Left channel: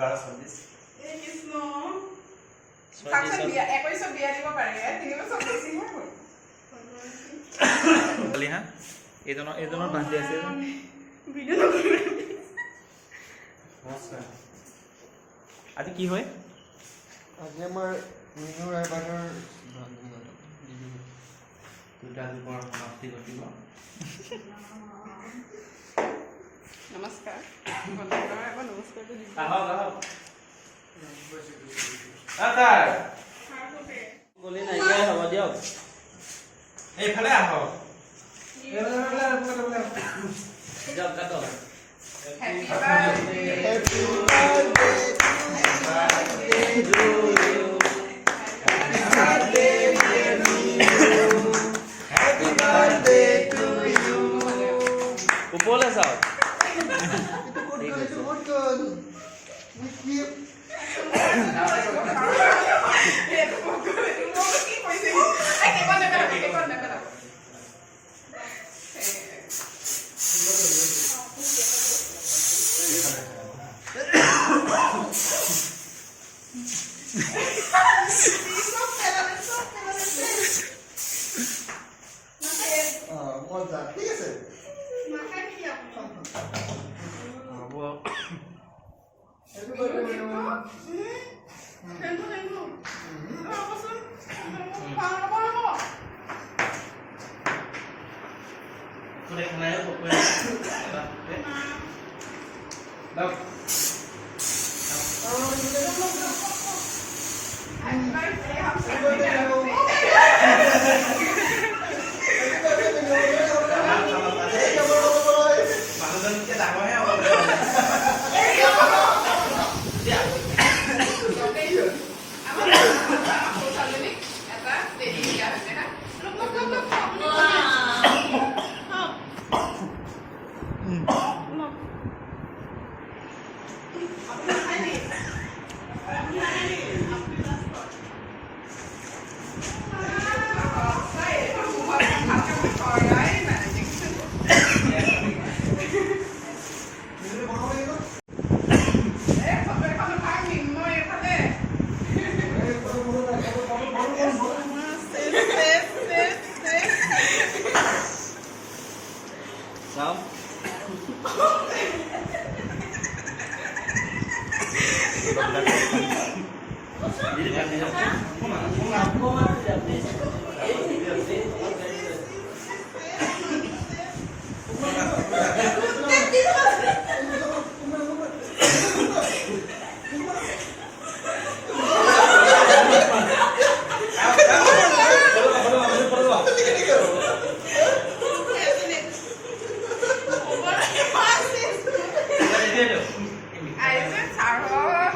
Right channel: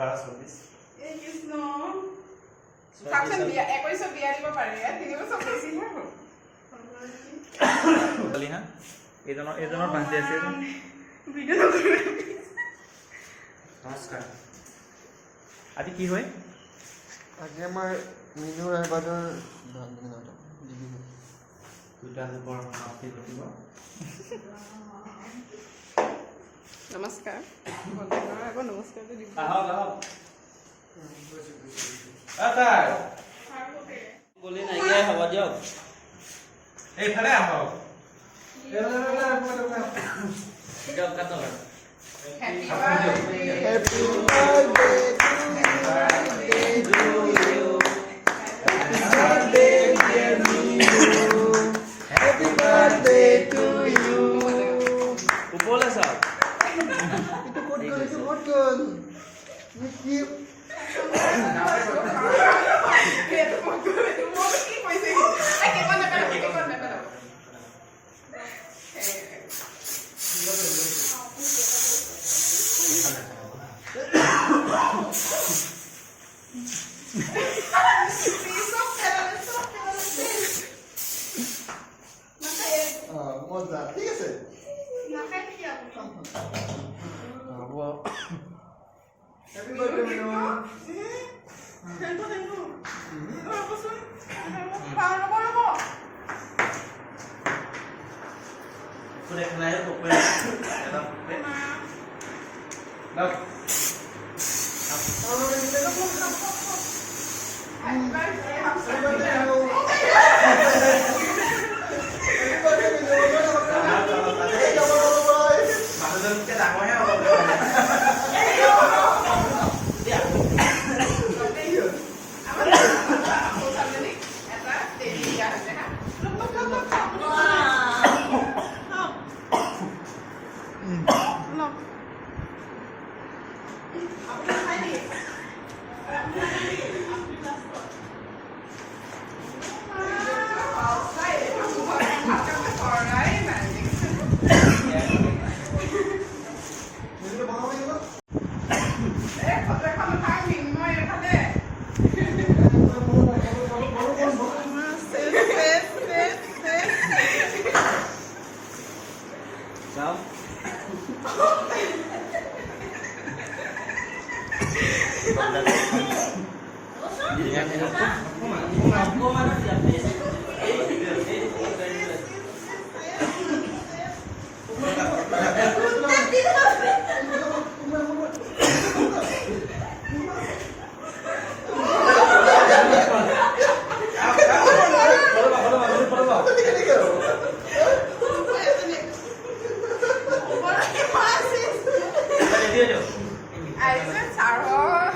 এই কৃষ্ণ কাকচোন বিয়া 21 বিয়া দিব পাৰে 3 বছৰ বেছি হৈ গ'ল বলি হা এজনৰ বান্ধি আছে ভিডিও নকৰো নমস্কাৰ আজি কি হয় আজি আমাৰ মিনু এবাৰৰ দুটা যুগৰ সমাপ্তি ঘটিব নমস্কাৰ বন্ধুসকল নমস্কাৰটো দিম আহক আতাই গলি নাইকিয়া হ'ব দিয়ক এইফালে আহক দিয়ক কাটো Happy birthday Happy birthday to you. Happy birthday dear Minu. Happy birthday to you. ওপৰলে চাওক Itu kod. Mikir. Mozart. ঠিক আছে Happy birthday Minu. কোনে খানায় পকোৱা দাও মানুহজনকে ডাঙৰহে হ'ব চাওক Ini